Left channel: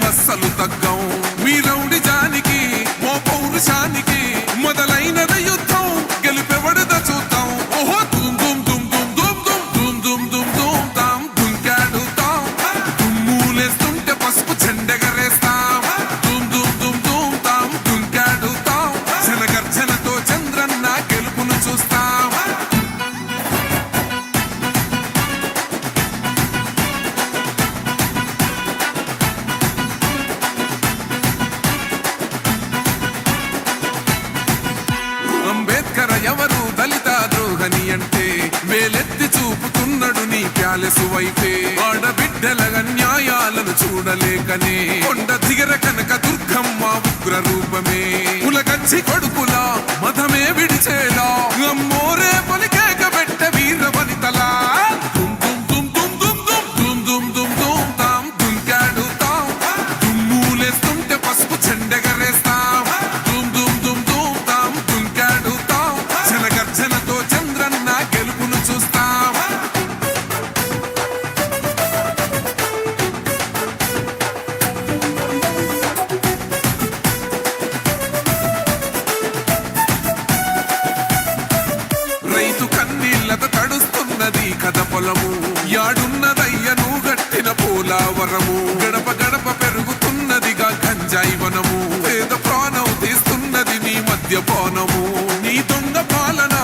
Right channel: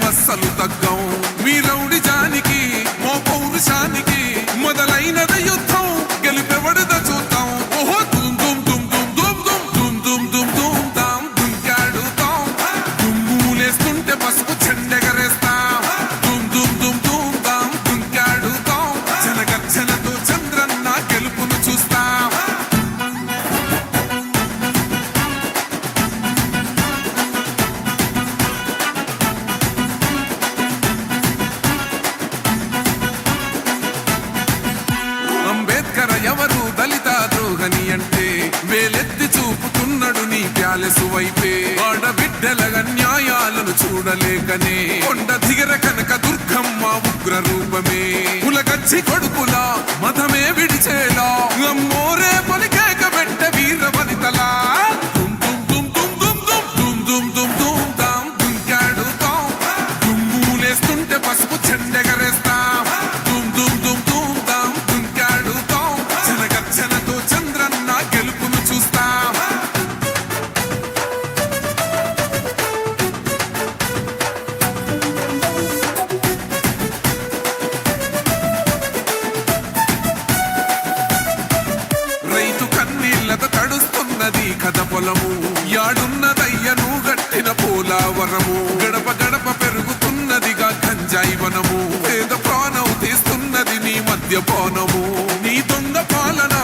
ఇక తగ్గం. మీ రౌడి జానికి మో పౌరుషానికి వైపే ఆడబిడ్డల న్యాయాలను చూడలేకనే కొండ దిగర కనక దుర్గమ్మ ఉగ్ర రూపమే కులగచ్చి కొడుకులా మతమే విడిచేలా అమ్మోరే పలికేక పెట్ట వీర వనితలా దుమ్ దుమ్ దుమ్ దుమ్ దుమ్ దుమ్ దుమ్ దుమ్ దుమ్ ఉన్నది కథ పొలము. యాడున్నదయ్యను గట్టిన పోలావరము. గడప గడప పెరుగుతున్నదిగా గంజాయి వనము. పేద ప్రాణం తీస్తున్నది నీ మద్యపానము. నీ దొంగ పాలన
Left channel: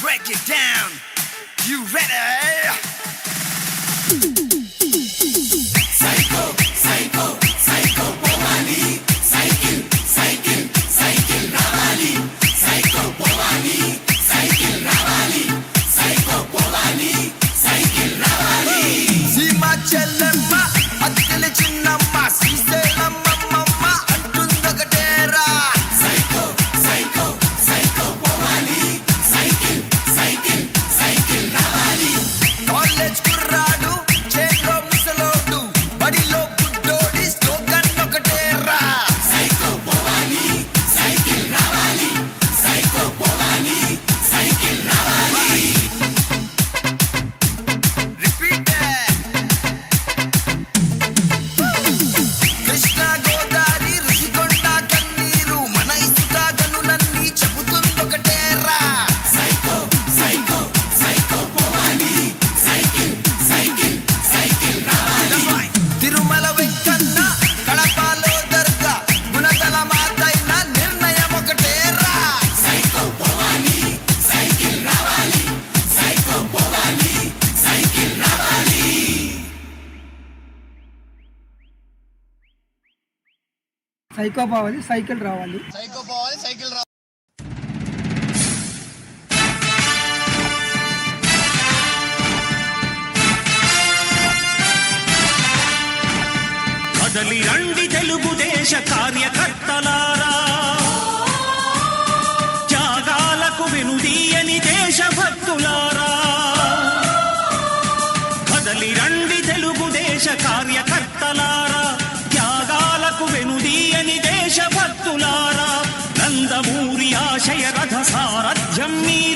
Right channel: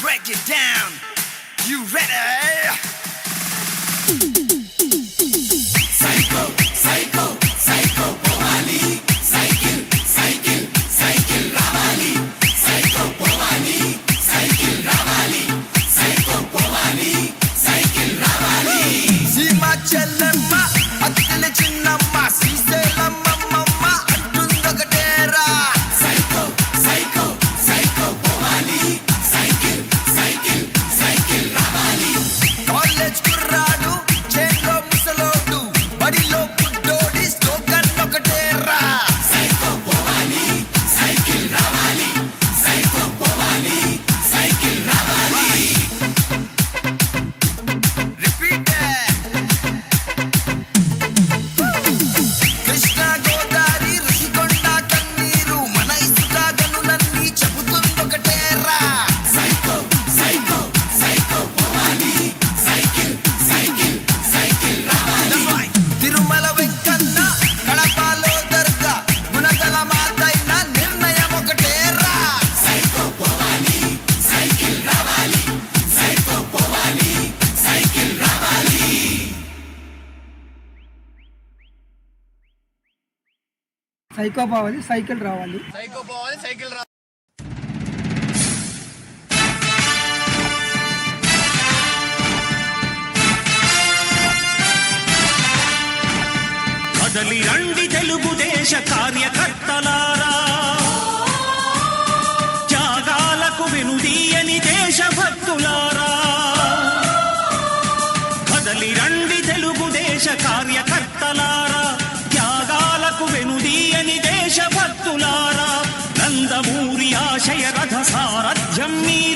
break it down. You ready? చెల్లెమ్మ అత్తెల చిన్నమ్మ శ్రీశైలమ్మమ్మ సైకో పోవాలి సైకిల్ రావాలి. కదలి రండి తెలుగుదేశ కార్యకర్తలారా. త్యాగాలకు వెనుదీయని దేశభక్తులారా. కదలి రండి తెలుగుదేశ కార్యకర్తలారా. దేశభక్తులారా నందమూరి ఆశయ రథ సారథ్యం మీదే.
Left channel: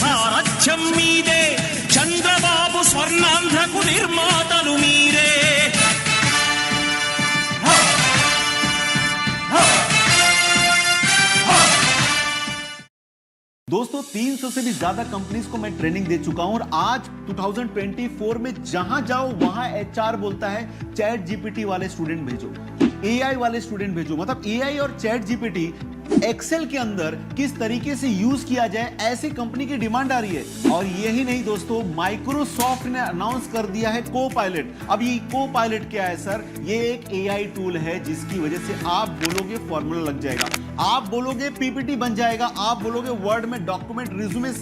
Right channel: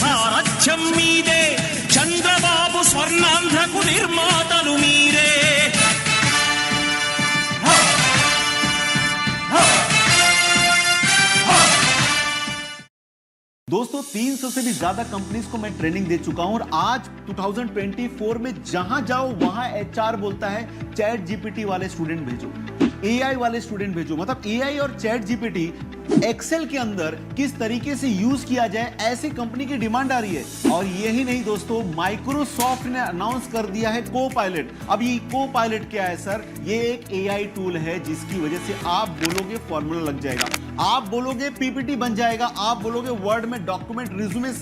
సారథ్యం మీదే చంద్రబాబు స్వర్ణాంధ్రకు నిర్మాతలు మీరే. दोस्तों 300 से भी ज़्यादा कंपनीज़ को मैं ट्रेनिंग दे चुका हूँ और आज 2024 में जहाँ जाओ, वहाँ एचआर बोलता है चैट जीपीटी वाले स्टूडेंट भेजो। एआई वाले स्टूडेंट भेजो। मतलब एआई और चैट जीपीटी एक्सेल के अंदर किस तरीके से यूज़ किया जाए, ऐसी कंपनी की डिमांड आ रही है। और यही नहीं दोस्तों माइक्रोसॉफ्ट ने अनाउंस कर दिया है को पायलट अब ये को पायलट क्या है सर ये एक एआई टूल है, जिसकी वजह से आप बोलोगे फॉर्मूला लग जाएगा। आप बोलोगे पीपीटी बन जाएगा। आप बोलोगे वर्ड में डॉक्यूमेंट रिज्यूमे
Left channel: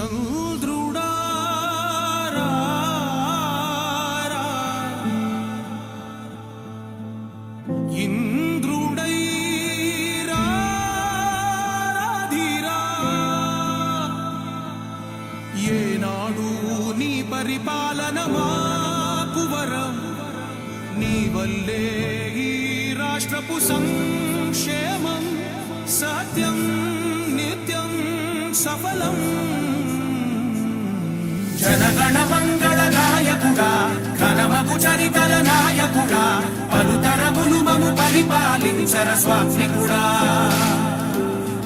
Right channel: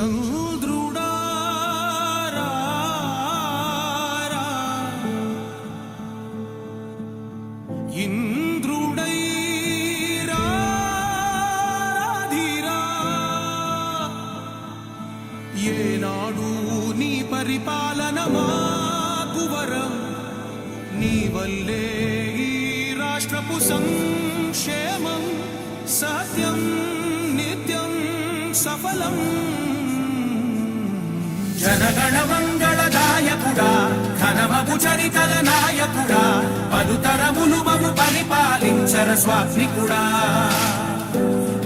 mucho. పలుతరములు మము పరిపాలించర స్వామికుడా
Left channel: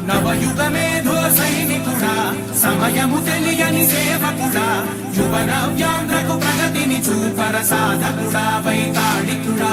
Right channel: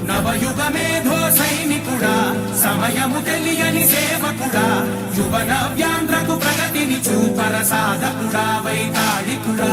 నవయుగ మేధో సైనికుడా సమయము తెలియని సేవకుడా యువన వ్యాంధ్రకు ప్రగతిని చూపర సాధకుడా వైతాళికుడా.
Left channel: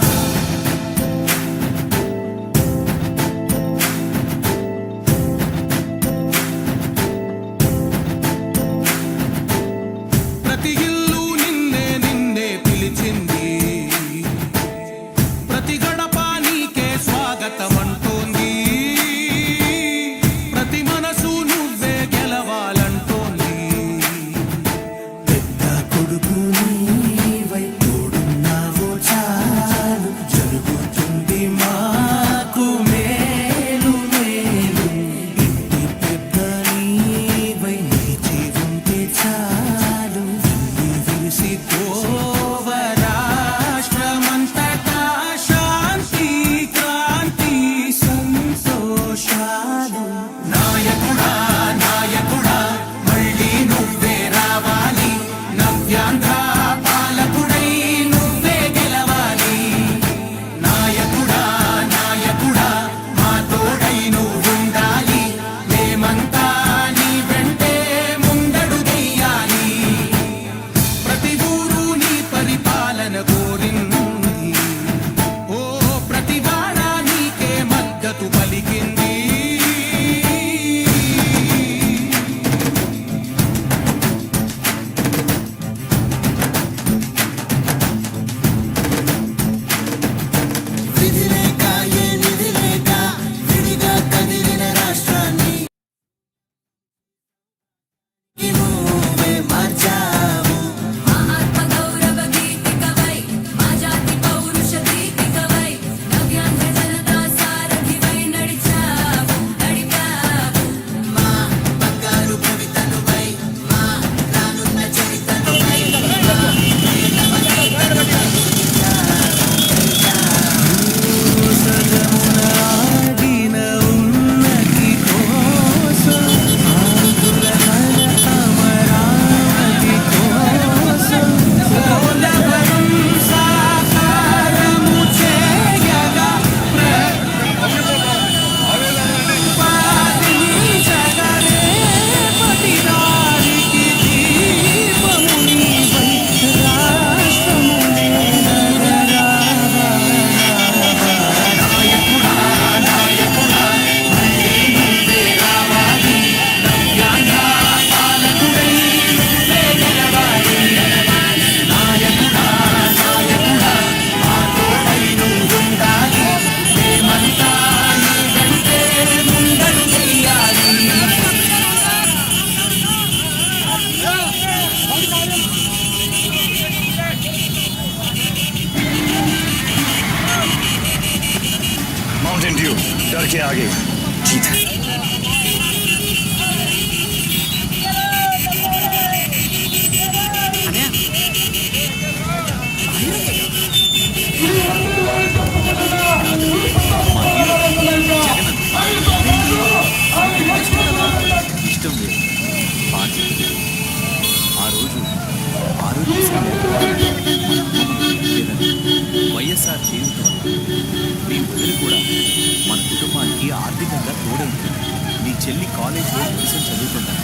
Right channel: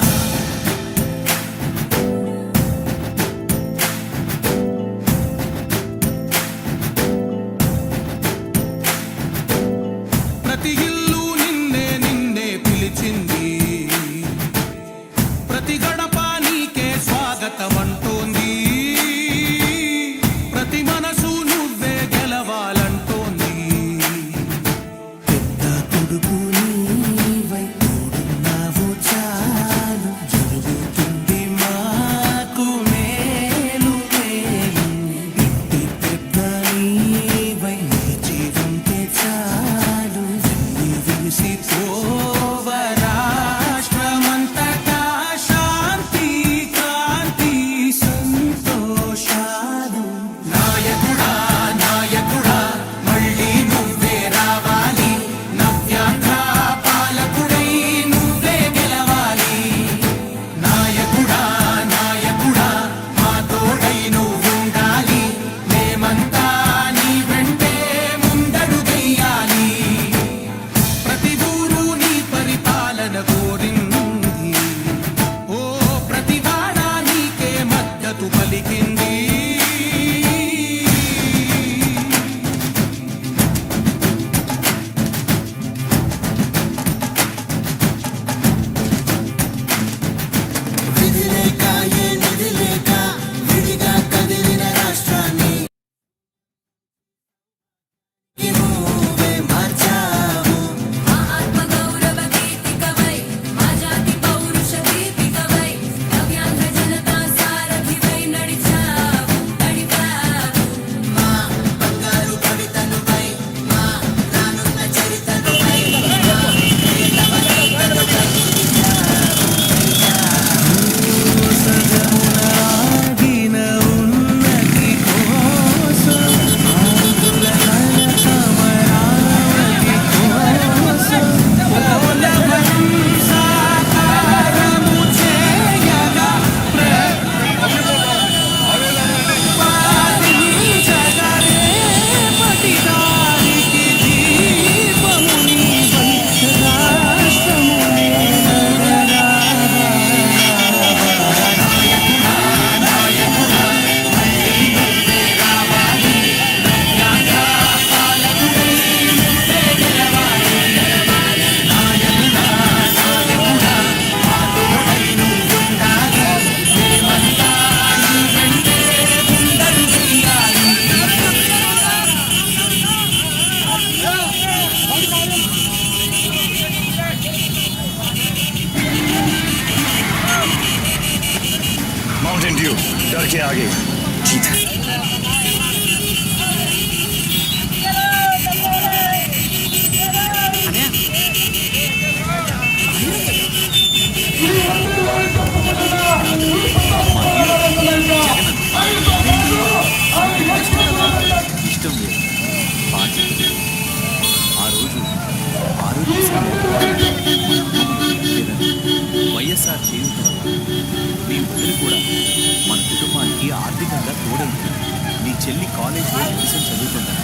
చెల్లి కాలేజ్లో మెడిసిన్ చదువుతుందని